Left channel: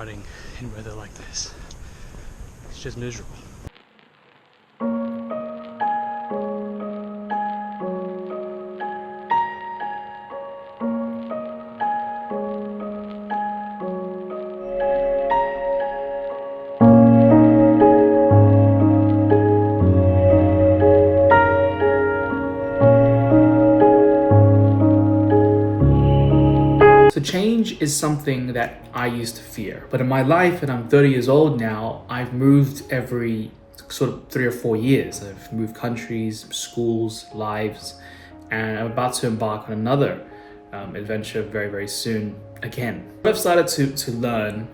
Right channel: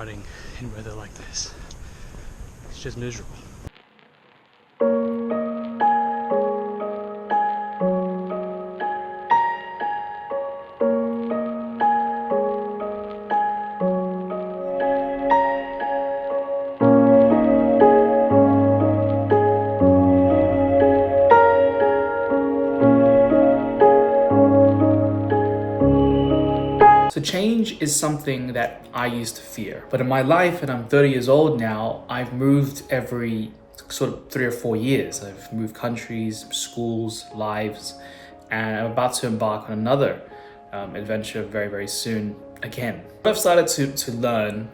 running in weather like this. It's just miserable. So change is something that I used to fear, but in my life, and I'm 30 years old now, I've moved every sort of 3 or 4 years. I've moved countries, schools, lives, and I'm about to embark on another adventure very, very soon again. What I've started to learn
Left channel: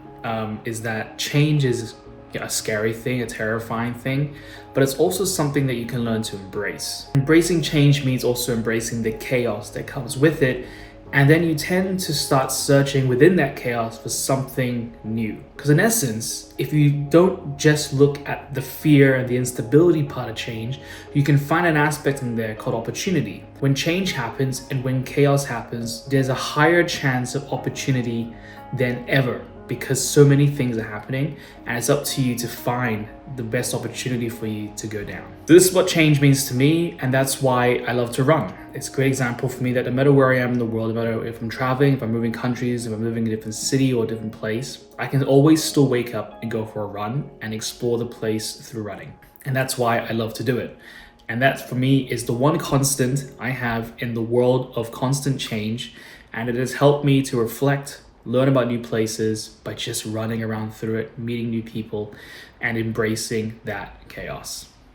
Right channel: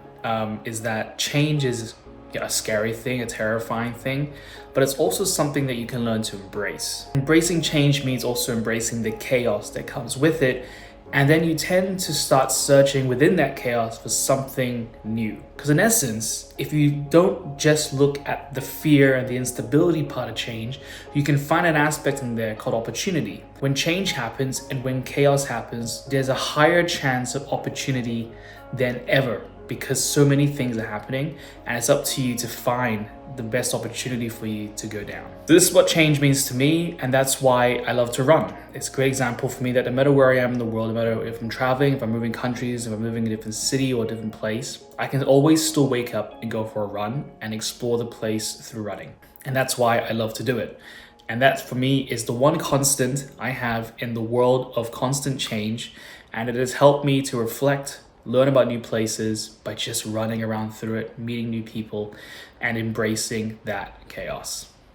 is that change is a scary thing, a terrifying thing, but it's also something that you can learn to embrace. Embracing change means also embracing the chaos that comes with it. And then you tend to start searching within that chaos for something new. Because in essence, if you don't just look at the fear and the instability part of change, you can find an aspect in there called opportunity. When change happens and when chaos happens, there's a higher chance of opportunity than ever, because so many things are happening, and it's up to you to find the best opportunity for you to go down. This is what change means to me, and that's why I love to run. It's a great example for me that no matter where I am in the world, no matter if I'm traveling, if I'm moving countries, if I'm moving in a different city or a different place, I can always still wake up and go for a run and explore the place through running. And that's why I love to do it. And that for me is the one constant I have in the world of constant change, and it has helped me to reflect, learn about new places by just running around through it, meeting new people, and embracing that chaos.